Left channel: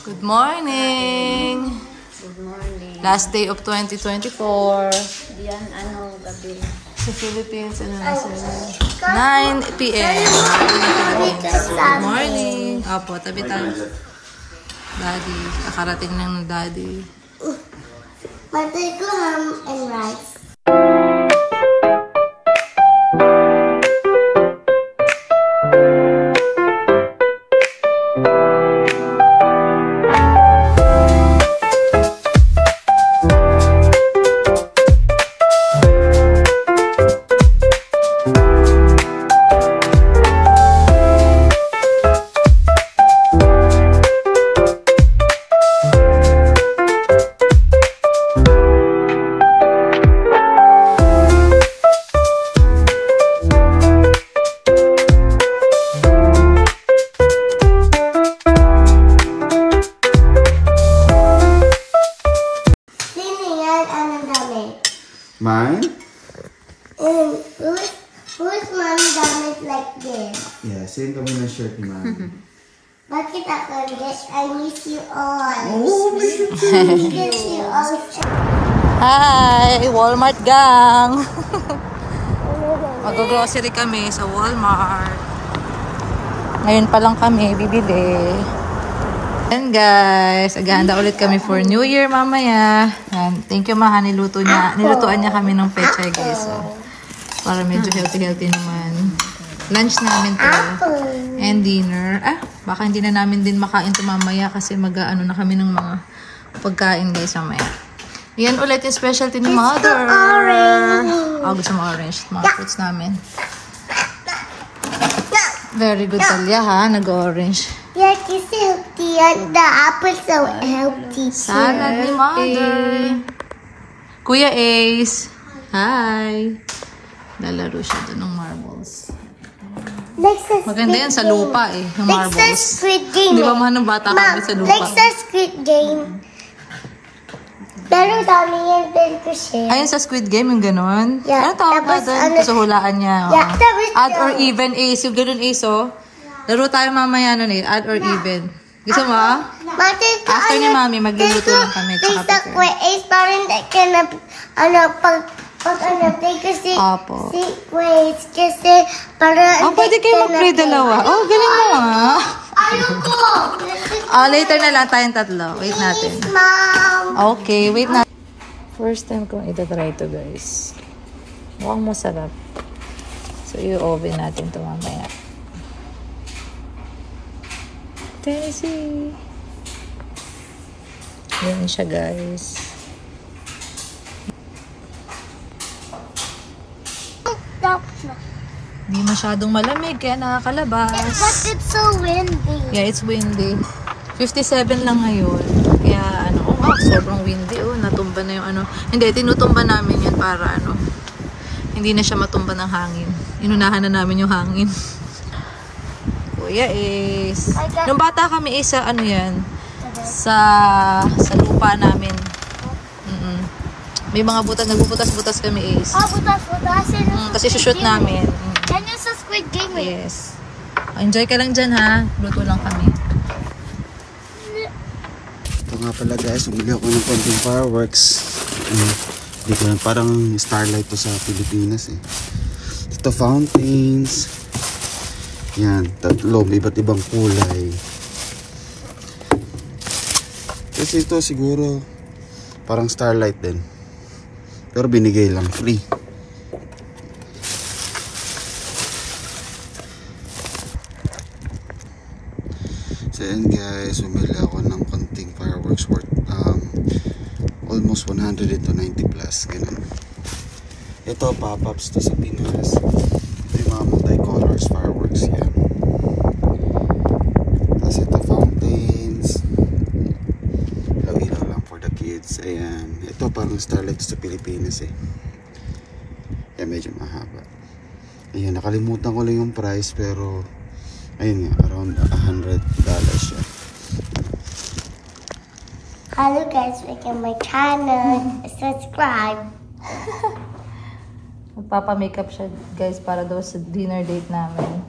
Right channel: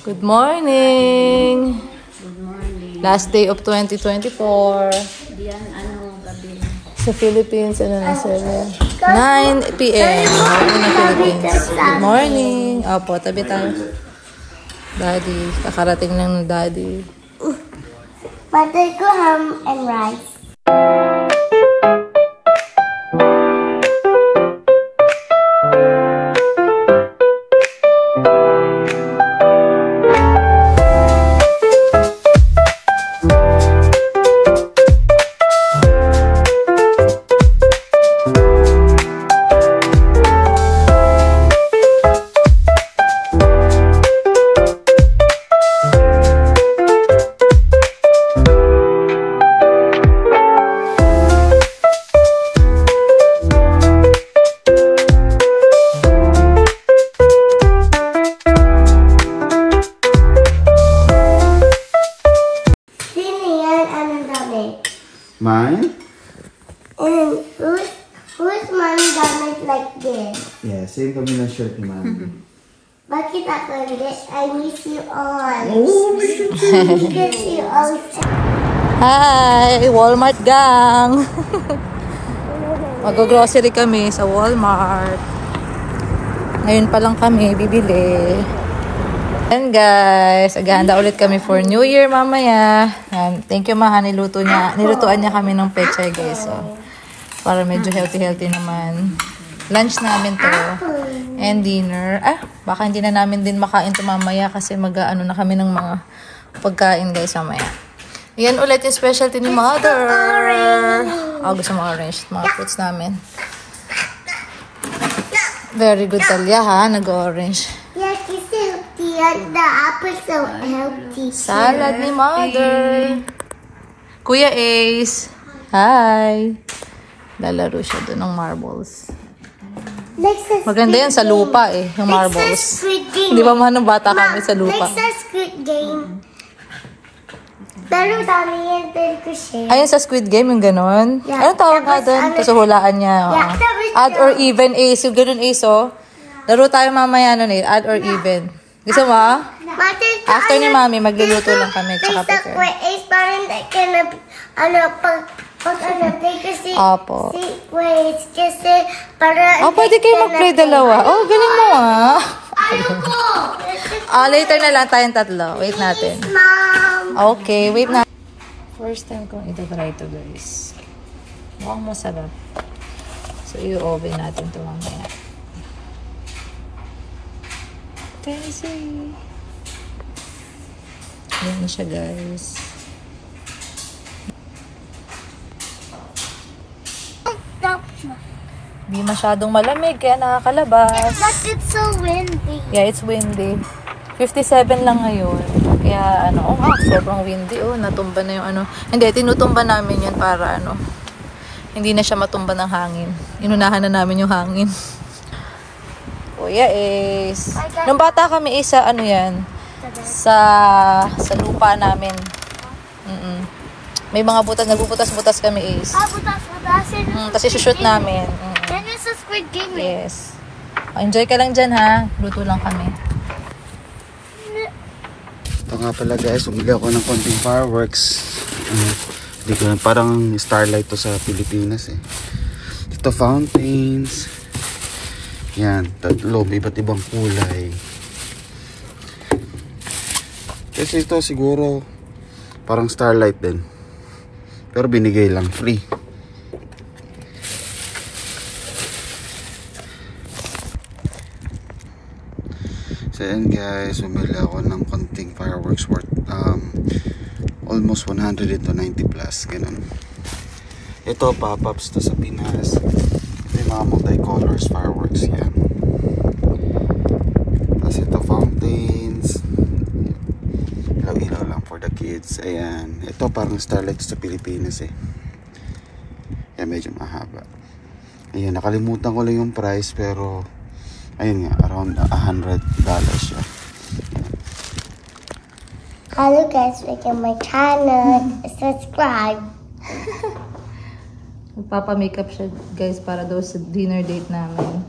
Good morning! Good morning. Last day of 2024. Diyan, gabi? Sa Philippines, na 9 p.m. Hapon ng Philippines. Good morning! Opo, tabi tayo. Daddy. Kakarating lang ng daddy. But they go ham and rice. Mine? And whose mom done it like this? Yeah, same kami na shirt ni Mami. Bakit ako hindi? I miss you all. Oh, miss you too. Because you all. Hi! Walmart gang! Mag-grocery kami sa Walmart. Ngayon pa lang kami bibili. And guys, aghahanda ulit kami for New Year mamaya. And thank you ma, nilutuan niya kami ng pechay guys. So, para medyo healthy naman. Lunch namin to. And dinner. Baka hindi na namin din makain to mamaya kasi mag-ano na kami ng mga pagkain guys mamaya. Yan ulit yung specialty ni Mother. Gusto mo orange. Mga fruits namin. Very good Talia ha, nag-orange. Yeah, it's healthy and the apple so healthy. Salad ni Mother. Kuya Ace. Hi. Lalaro siya doon ng marbles. Maganda yan sa lupa eh, yung marbles. Hindi ba mahal ng bata kami sa lupa? Like sa Squid Game. Pero dami yan din ko share. Ayun sa Squid Game, yung ganon? Yeah. Anong tawag nga doon? Kasi hulaan niya. Yeah, Add or even Ace. Yung ganon Ace oh. Laro tayo mamaya nun eh. Add or even. Gusto mo? After ni Mami, magluluto lang kami. Tsaka prepare. Is parang kasi Opo. wait, kasi para pwede kayo mag-play dalawa. Galing mo ah. Later na lang tayong tatlo. Wait natin. Okay, wait na. First time kong itatry ito guys. Mukhang masarap. So, i-oven natin ito mamaya. Tasty! Ganyan siya guys. Hindi masyadong malamig kaya nakakalabas. But it's so windy. Yeah, it's windy. 57 lang ngayon. Kaya sobrang windy. Natumba na yung Hindi, tinutumba namin yan para hindi na siya matumba ng hangin. Inunahan na namin yung hangin. Kuya Ace. Nung bata kami isa, yan? Sa lupa namin. May mga butas, nagbubutas-butas kami Ace. Butas-butas. Kasi shoot namin. Yan yung sa Squid Game eh. Yes. Enjoy ka lang dyan ha. Luto lang kami. Ito nga pala guys, bumili ako ng konting fireworks. Parang starlight to sa Pilipinas eh. Ito fountains. Yan, tatlo, iba't ibang kulay. Kasi ito siguro parang starlight din. Pero binigay lang, free. So yan guys, bumili ako ng konting fireworks worth almost 100 to 90 plus, ganun. Ito, pop-ups to sa Pinas. Ito yung mga multi-colors fireworks yan. Tapos ito, fountains. Ilaw-ilaw lang for the kids. Ayan. Ito parang starlight sa Pilipinas eh. Yan, medyo mahaba. Ayan, nakalimutan ko lang yung price pero ayun nga, around $100 siya. Hello guys, welcome my channel. Subscribe. Magpapa-makeup siya guys para daw sa dinner date namin.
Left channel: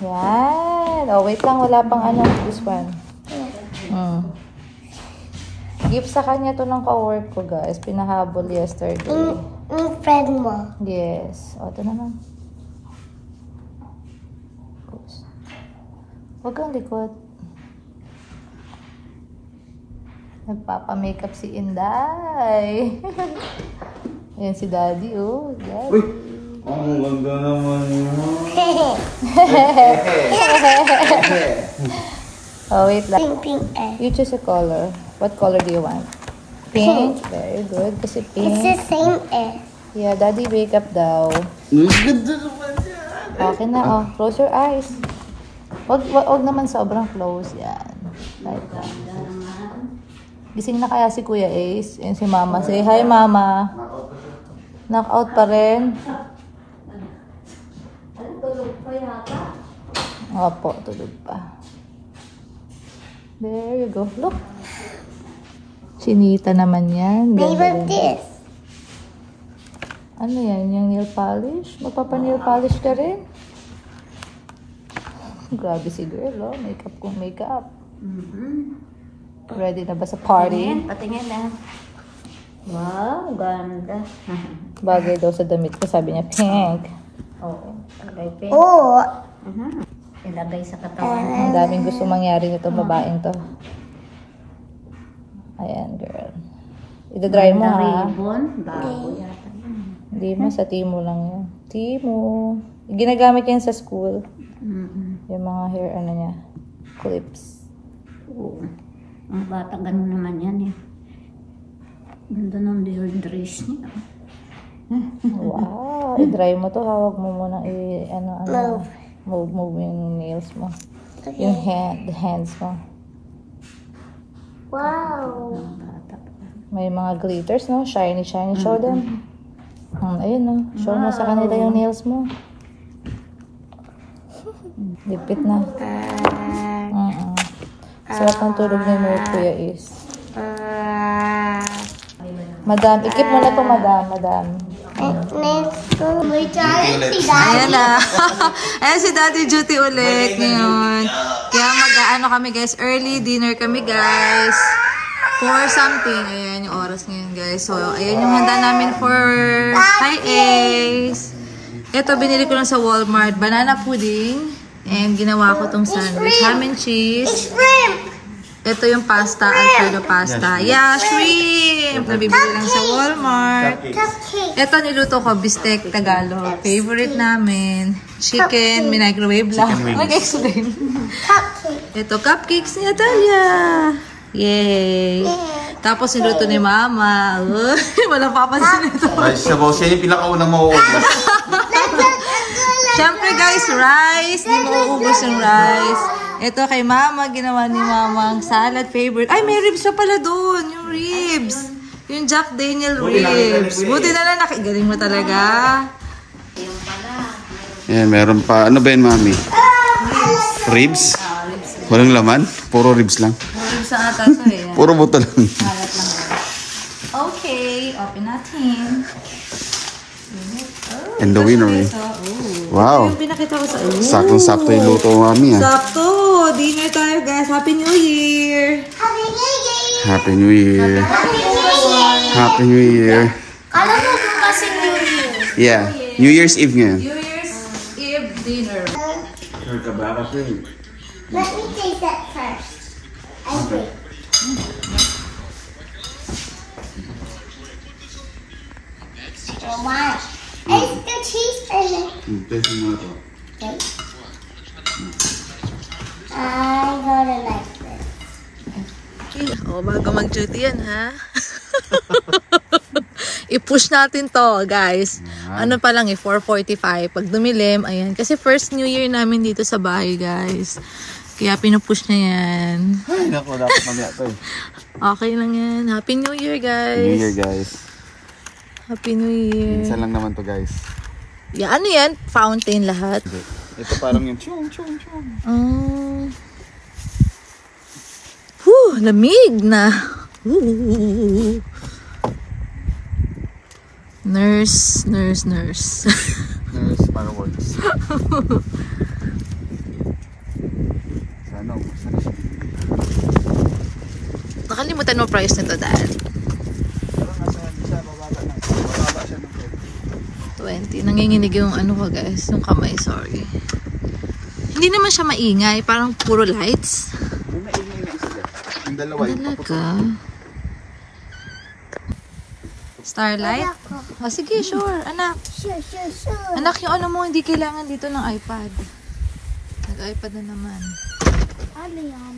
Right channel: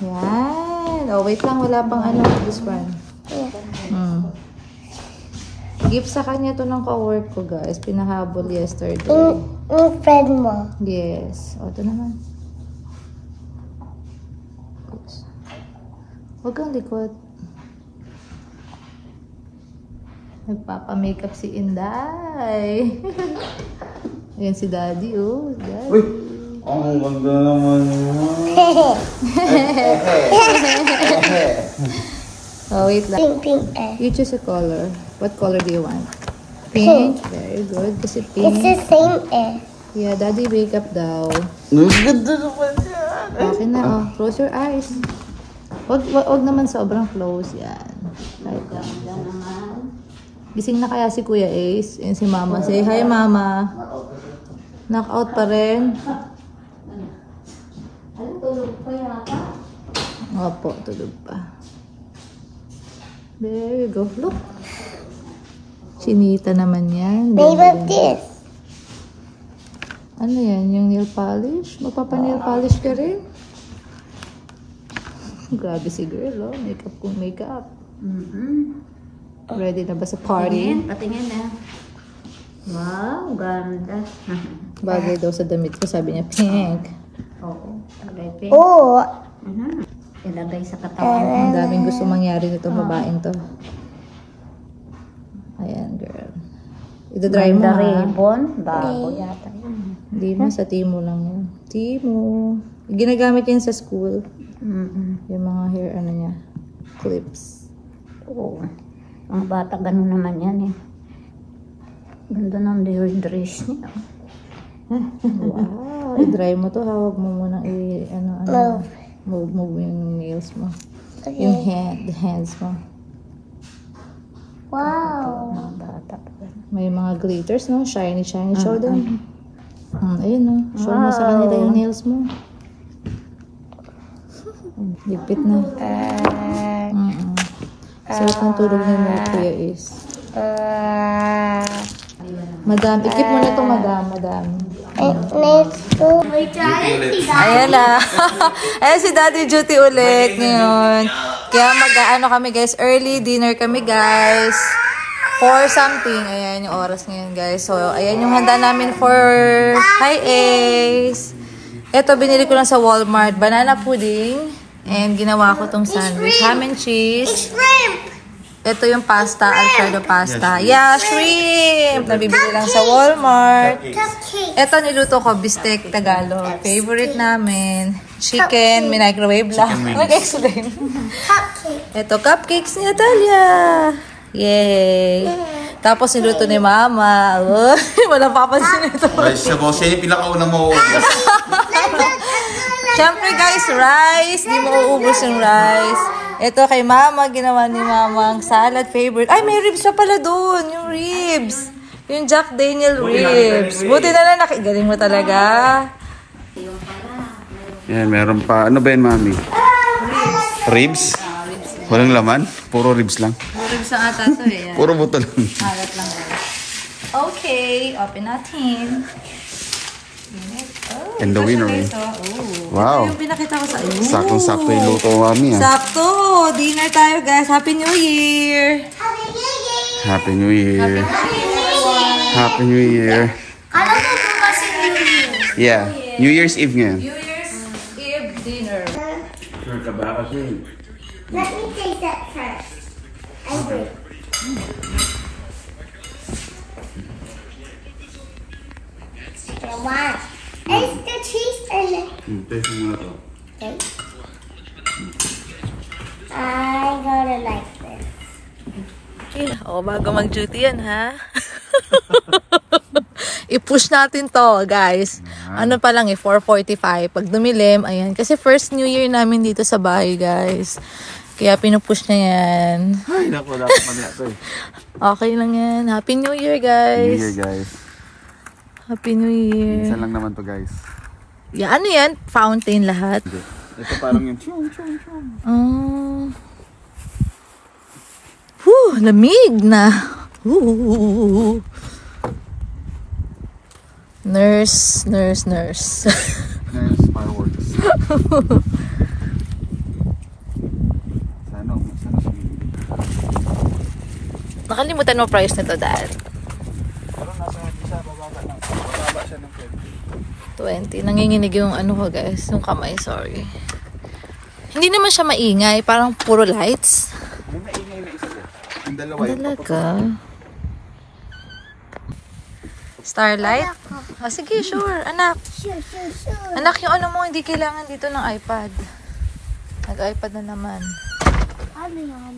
Yan. Oh, wait lang. Wala pang this one. Gift sa kanya to ng ka-work ko, guys. Pinahabol yesterday. Yung friend mo. Yes. O, ito naman. Huwag kang likod. Nagpapa-makeup si Inday. Ayan si Daddy, oh. Daddy. Ang ganda naman yun. Oh, wait lang. Pink eh. You choose a color. What color do you want? Pink. Very good. Kasi It's pink. the same eh. Yeah, Daddy, wake up daw. Ang ganda naman siya. Okay na, oh. Close your eyes. Wag naman sobrang close. Yan. Right lang. Gising na kaya si Kuya Ace and si Mama. Say hi, Mama. Knockout pa rin. Tulog pa yata. Opo, tulog pa. There you go. Look. Sinita naman yan. Name of this. Ano yan? Yung nail polish? Magpapa-nail polish ka rin? Grabe si girl, oh. Makeup kung makeup. Ready na ba sa party? Patingin na. Wow, ganda. Bagay daw sa damit ko. Sabi niya, pink. Oo. Ilagay Oh. Ilagay sa katawan. Ang daming gusto mangyari na itong babaeng to. Ayan, girl. Ito-dry mo, ha? Ribbon. Bago yata. Hindi mo, sa Timo lang yan. Timo. Ginagamit yan sa school. Yung mga hair, ano niya, clips. Oo. Ang bata, ganun naman yan eh. Ganda ng dress niya. Wow. I-dry mo to. Hawag mo muna move yung nails mo. Yung the hands mo. Wow. May mga glitters, no? Shiny. Show them. Ayun, no? Show mo sa kanila yung nails mo. Lipit na. Sarap ng tulog ni mo, Kuya is. Madam, ikip mo na to, madam. May challenge. Ayan na. Ayan si Daddy Duty ulit ngayon. Kaya mag-ano kami, guys. Early dinner kami, guys. 4 something. Ayan yung oras ngayon, guys. So, ayan yung handa namin for Hi Ace. Ito, binili ko lang sa Walmart. Banana pudding. And ginawa ko tong sandwich. Ham and cheese. Ito yung pasta, Alfredo pasta. Yeah, shrimp! Nabibili lang sa Walmart. Ito niluto ko, bistek Tagalog. Favorite namin. Chicken, minighrowave lang. Mag-explain. Ito, cupcakes ni Natalia. Yay! Tapos niluto ni Mama. Walang papansin ito. Ay, sa boss, yan yung pinakaunang mauubos. Siyempre guys, rice. Di mauubos yung rice. Ito kay Mama, ginawa ni Mama ang salad favorite. Ay, may ribs na pala doon. Yung ribs. Yung Jack Daniel ribs. Buti na lang, nakigaling mo talaga. Yan, meron pa. Ano ba yan, Mami? Ribs? Walang laman? Puro ribs lang. Puro ribs ang ata to eh. Puro buto lang. Halat lang guys. Okay, open natin. Oh, And the winner eh. Wow. Yung pinakita ko sa Saktong-sakto yung luto, Mami. Sakto. Dinner tayo guys. Happy New Year. Happy New Year. Happy New Year. Yeah. New Year's Eve ngayon. New Year's Eve dinner. Sure ka ba kasi? Let me taste that first. I think. One. It's the cheese in it. Taste mo na to. Okay. I'm gonna like this. Oh, bago mag-duty yan, ha? I-push natin to, guys. Ano pa lang eh, 4:45. Pag dumilim, ayan. Kasi first New Year namin dito sa bahay, guys. Kaya pinupush na yan. Ay, naku, dapat mamaya to eh. Okay lang yan. Happy New Year, guys. New Year, guys. Happy New Year. Minsan lang naman to, guys. Yan, ano yan? Fountain lahat. Ito parang yung chong. Lamig na. Nurse. Nurse fireworks. Sana siya. Nakalimutan mo price nito, Dad. Pero nasa bababa lang. Bababa siya ng 20. Nanginginig yung ano ko, guys. Yung kamay, sorry. Hindi naman siya maingay. Parang puro lights. May maingay na isa dyan. Yung dalawa yung Talaga. Starlight? Oh, sige, sure. Anak. Sure. Anak, yung ano mo, hindi kailangan dito ng iPad. Nag-iPad na naman. Ano yan?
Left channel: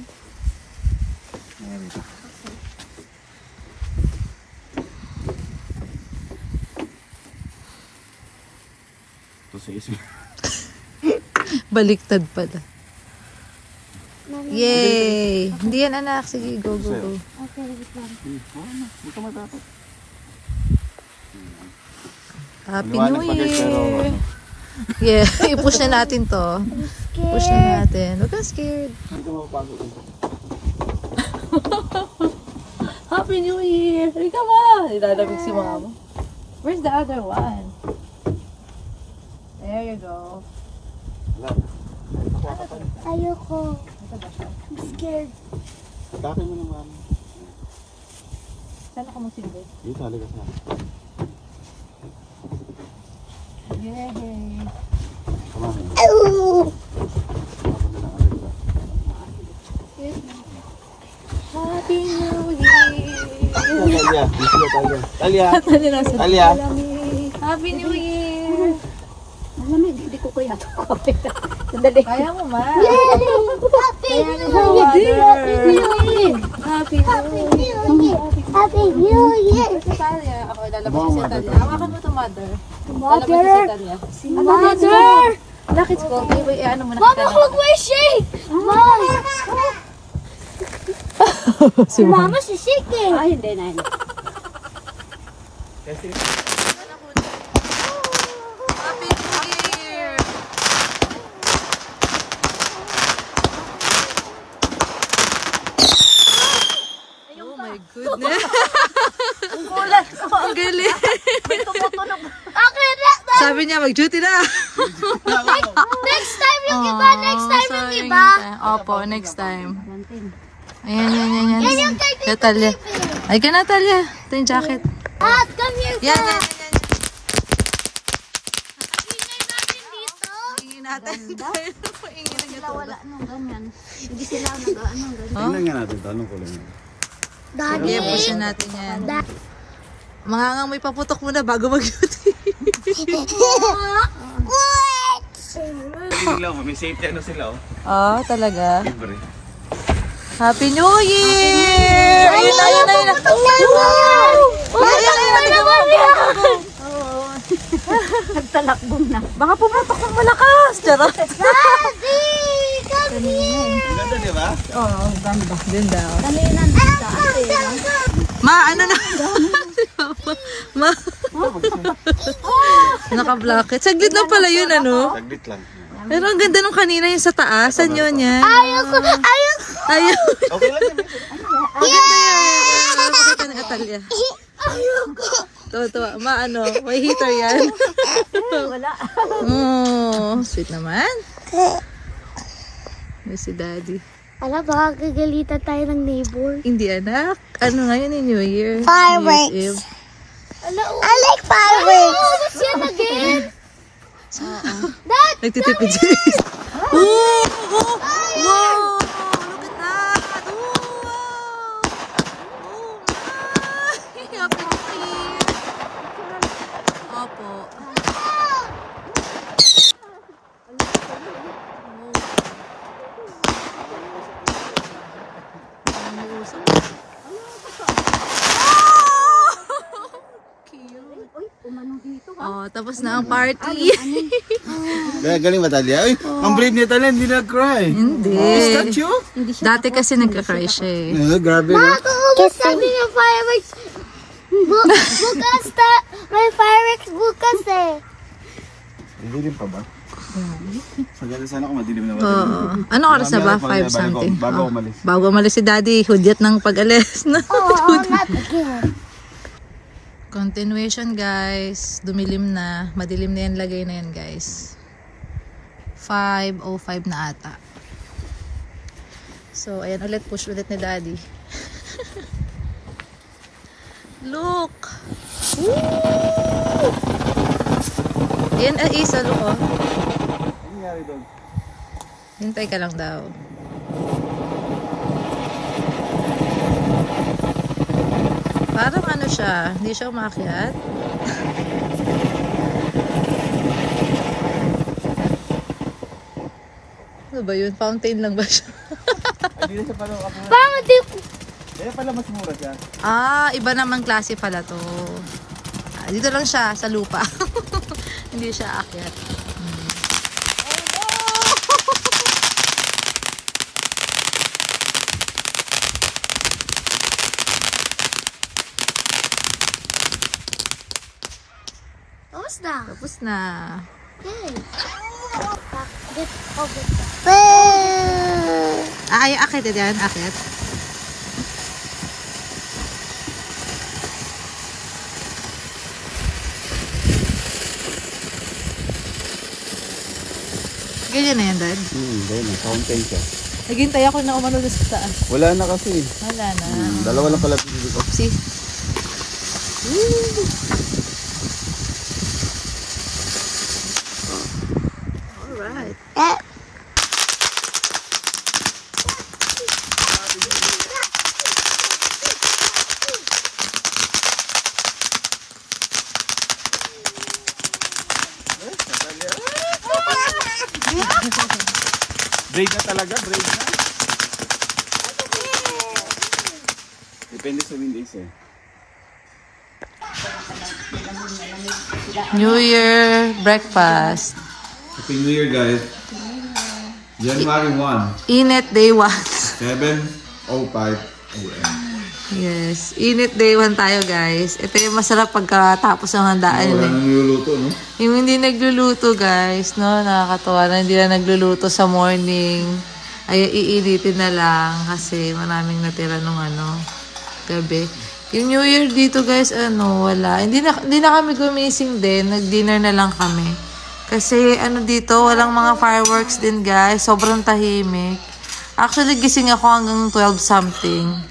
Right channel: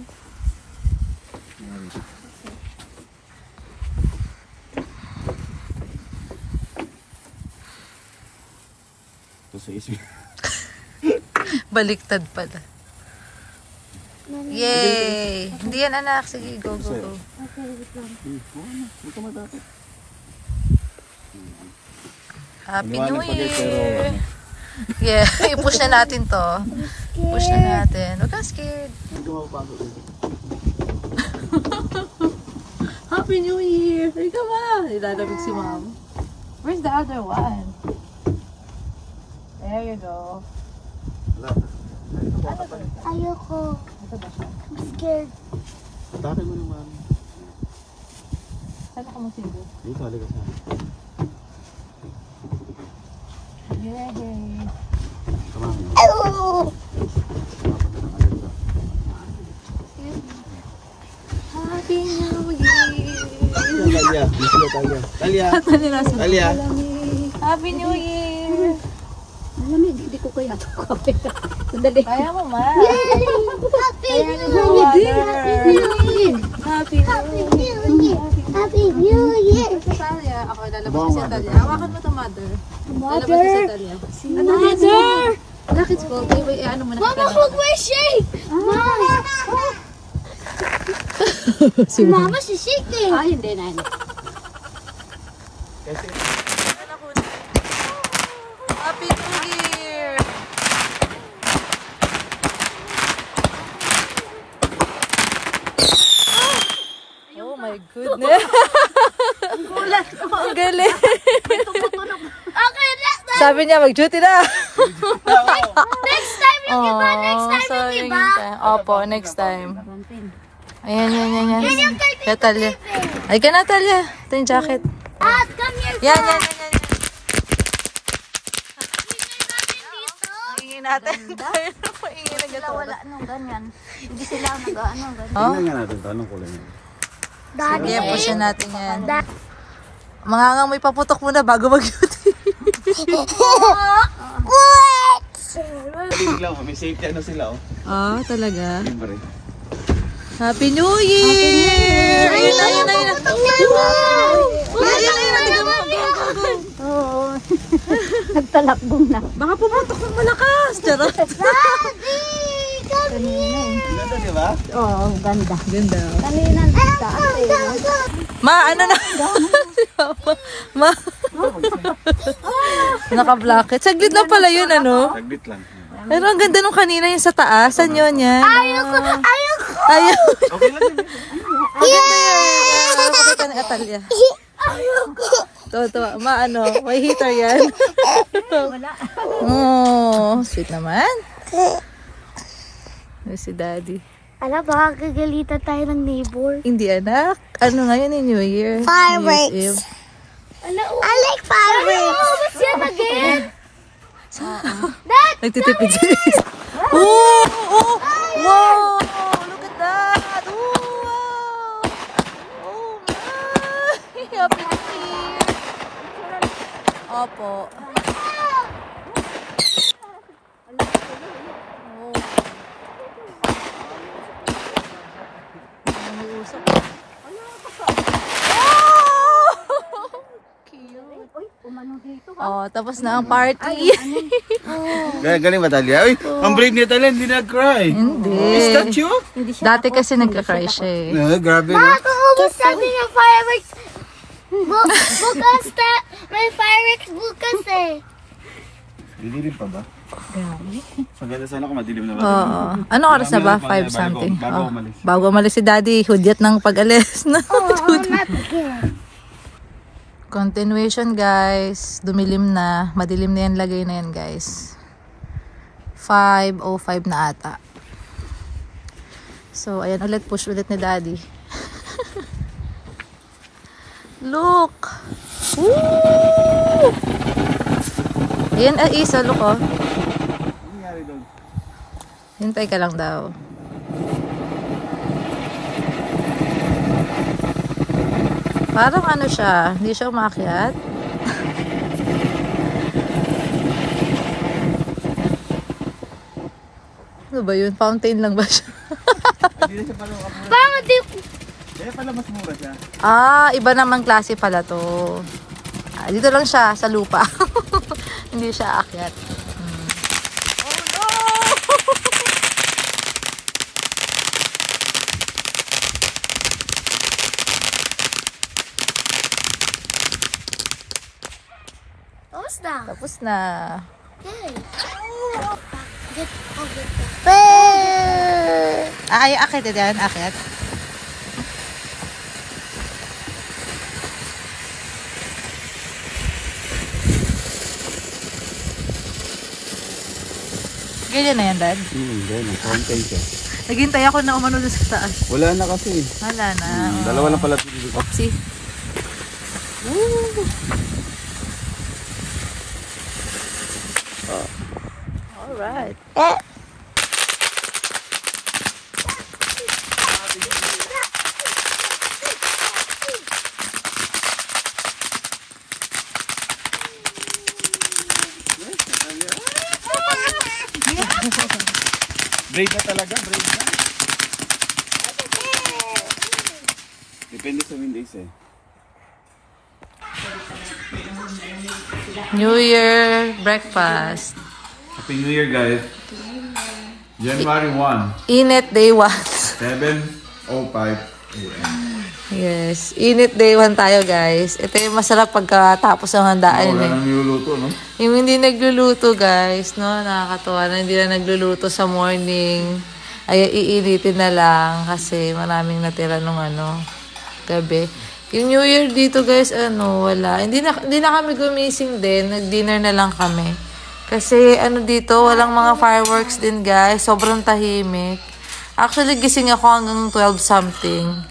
Ito sa isip. Baliktad pala. Yay! Hindi yan, anak. Sige, go. Okay, wait lang. Huwag ka matakot. Happy Maliwanag New pa guys, pero Year! ano. Yeah, i-push na natin to. Push na natin. Huwag kang scared. Huwag ka makapagod. Happy New Year! Halika ma! Nilalamig si Mama. Where's the other one? There you go. Ayoko. I'm scared. Atake mo naman. Saan ako masigil? Dito, halika sa akin. Sama mo yun. Happy New Year! Talia, bisyo Talia. Talia. Happy New Year! Alam mo, hindi ko kaya ito ko. Sandali. Kaya mo ma! Happy New Year! Happy New Year! Happy New Year! Talia, ako lalabas Wow, si mother. Talia. Hawakan mo ito, mother. Lalabas si Talia. Mother! Lakit ko. Ano mo na Mama, who's wishing? Mama! Si Mama, she's shaking. Ay, hindi na. Happy New Year! Oh my goodness! Ang galing! Okay, Sabi niya, mag-duty na! next time yung iba, next time yung sayang iba. yun. Opo, next time. Ayan. Natalia. Ay ka, Natalia. Ito yung jacket. Dad, come here. Yan. Ingin natin. Ingin na Sila wala nung ganyan. Hindi sila nag-ano ganyan. Tingnan nga natin ito. Anong kulay niya? Sige, push na natin yan. Mga nga may paputok muna bago mag-duty. May safety ano sila oh. Oh, talaga. Libre. Happy New Year! Ano yung pumutok na naman? Pumutok na naman yan! Nagtalakbong na. Baka pumutok ng malakas. Charot. Daddy, come here. Ganda di ba? Oo, ganda. Kanina Ma, ano na? Ma. Naka-blacket. Saglit lang pala yun, ano? Saglit lang. Pero ang ganda nung kanina yung sa taas. Saan yun yan? Ayoko. Ayaw. Okay lang yun. Makakita ng Atalia. Ito. Ma, ano? May heater yan. wala. Oh, sweet naman. May si Daddy. Alam, baka gagalitan tayo ng neighbor. Hindi, anak. Ano ngayon yung New Year? Fireworks. New Year's Eve. I like fireworks. What's yan again? Dad! Nagtitipid si Liz. Oh! Wow! Look at that! Oh, wow! Oh my! Happy New Year! Opo. Oh. May usok. Oh, tapos na ang party. Galing ba Talia? Uy, ang brave ni Talia, hindi nag-cry. Hindi. Is that you? Dati kasi nagka-cry siya eh. Grabe. Ubus namin yung fireworks. Bukas may fireworks bukas eh. Didilim pa ba? Maganda sana kung madilim na ba? Oo. Ano oras na ba? 5 something. Bago Oh. umalis. Bago umalis si Daddy, hudyat ng pag-alis. Oh, not good. Continuation guys. Dumilim na. Madilim na yan lagay na yan guys. 5:05 na ata. So, ayan ulit. Push ulit ni Daddy. Look! Woo! Yan, isa, look, oh. Ano nangyari doon? Hintay ka lang daw. Parang ano siya, hindi siya umakyat. Ano ba yun? Fountain lang ba siya? Hindi na siya pala kapag. Kaya pala mas mura siya. Ah, iba namang klase pala to. Ah, dito lang siya, sa lupa. Hindi siya aakyat. What's that? Tapos na. Ay, akit yan, akit. Ganyan na yan, Dad. Ganyan. Fountain siya. Naghintay ako na umano doon sa taas. Wala na kasi. Wala na. Dalawa lang pala dito. Oopsie. Woo! Alright. Break na talaga, break na. Depende sa windays eh. New Year breakfast. Happy New Year guys. January 1. Init day 1. 7:05 AM. Yes. Init day 1 tayo, guys. Ito yung masarap pagkatapos ng handaan. Wala nang niluluto, no? Yung hindi nagluluto, guys, no? Nakakatuwa na hindi na nagluluto sa morning. Ay, iinitin na lang kasi maraming natira nung gabi. Yung New Year dito, guys, wala. Hindi na kami gumising din. Nag-dinner na lang kami. Kasi, dito, walang mga fireworks din, guys. Sobrang tahimik. Actually, gising ako hanggang 12 something.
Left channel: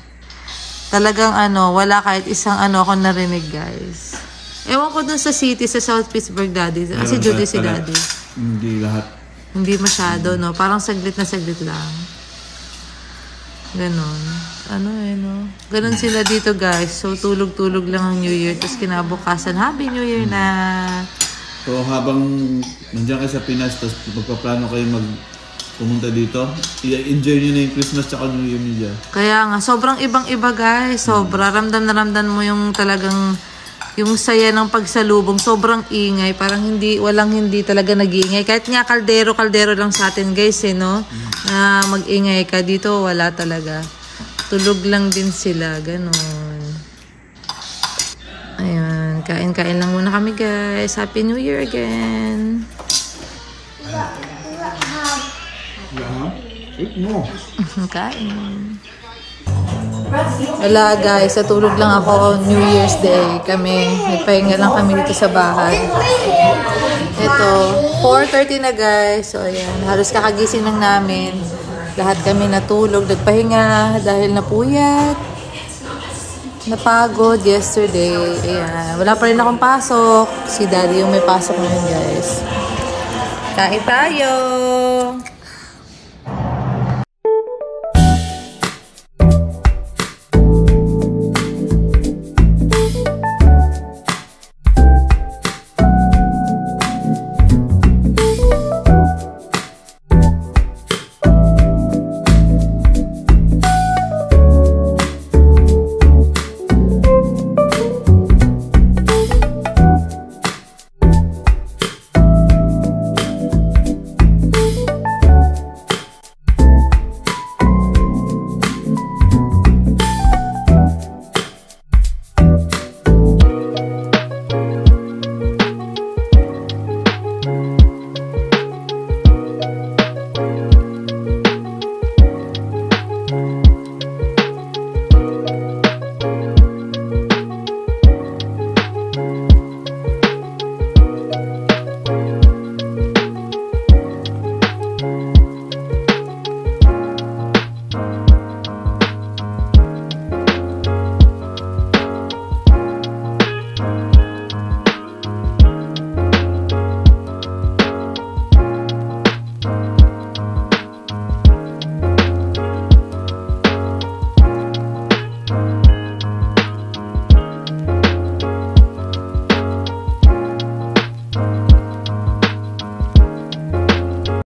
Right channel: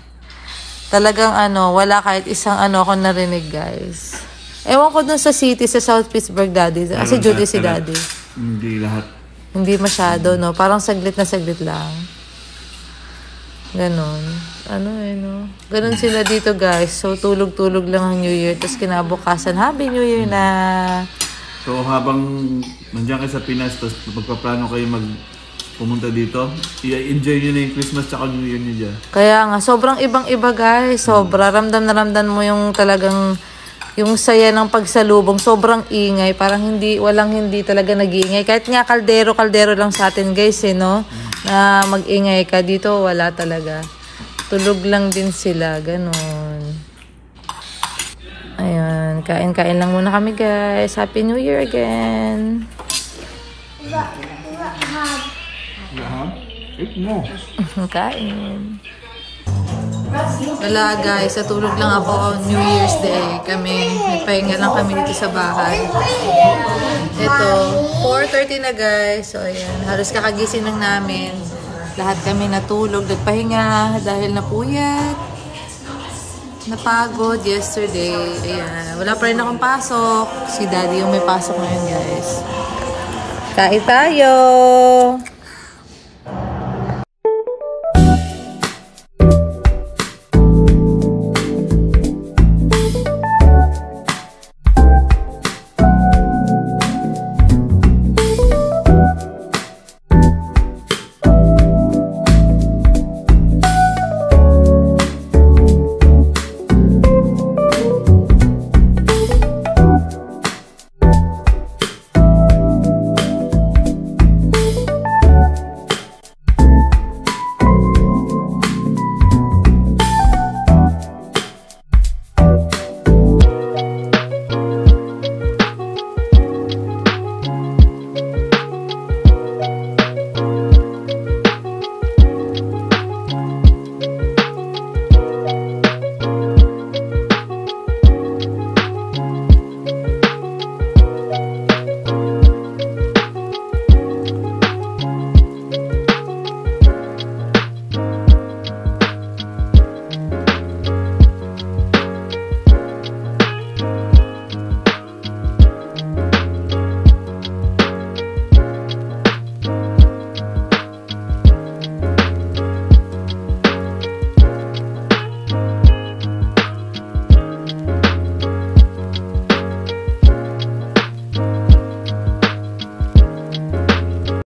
Talagang wala kahit isang ako narinig, guys. Ewan ko dun sa city, sa South Pittsburgh, Daddy. Kasi Judy si Daddy. Hindi lahat. Hindi masyado, no? Parang saglit na saglit lang. Ganon. No? Ganon sila dito, guys. So, tulog-tulog lang ang New Year. Tapos kinabukasan, Happy New Year na. So, habang nandiyan kayo sa Pinas, tapos magpaplano kayo pumunta dito, i-enjoy nyo na yung Christmas tsaka New Year niyo dyan. Kaya nga, sobrang ibang-iba, guys. Sobra. Ramdam na ramdam mo yung talagang yung saya ng pagsalubong. Sobrang ingay. Parang walang hindi talaga nag-iingay. Kahit nga kaldero lang sa atin, guys, no? Na mag-ingay ka. Dito, wala talaga. Tulog lang din sila. Ganon. Ayun. Kain-kain lang muna kami, guys. Happy New Year again. Kain. Wala, guys, natulog lang ako New Year's Day. Nagpahinga lang kami dito sa bahay. Ito, 4:30 na, guys. So, ayan, halos kakagising lang namin. Lahat kami natulog, nagpahinga dahil napuyat. Napagod yesterday. Ayan, wala pa rin akong pasok. Si Daddy yung may pasok ngayon, guys. Kain tayo!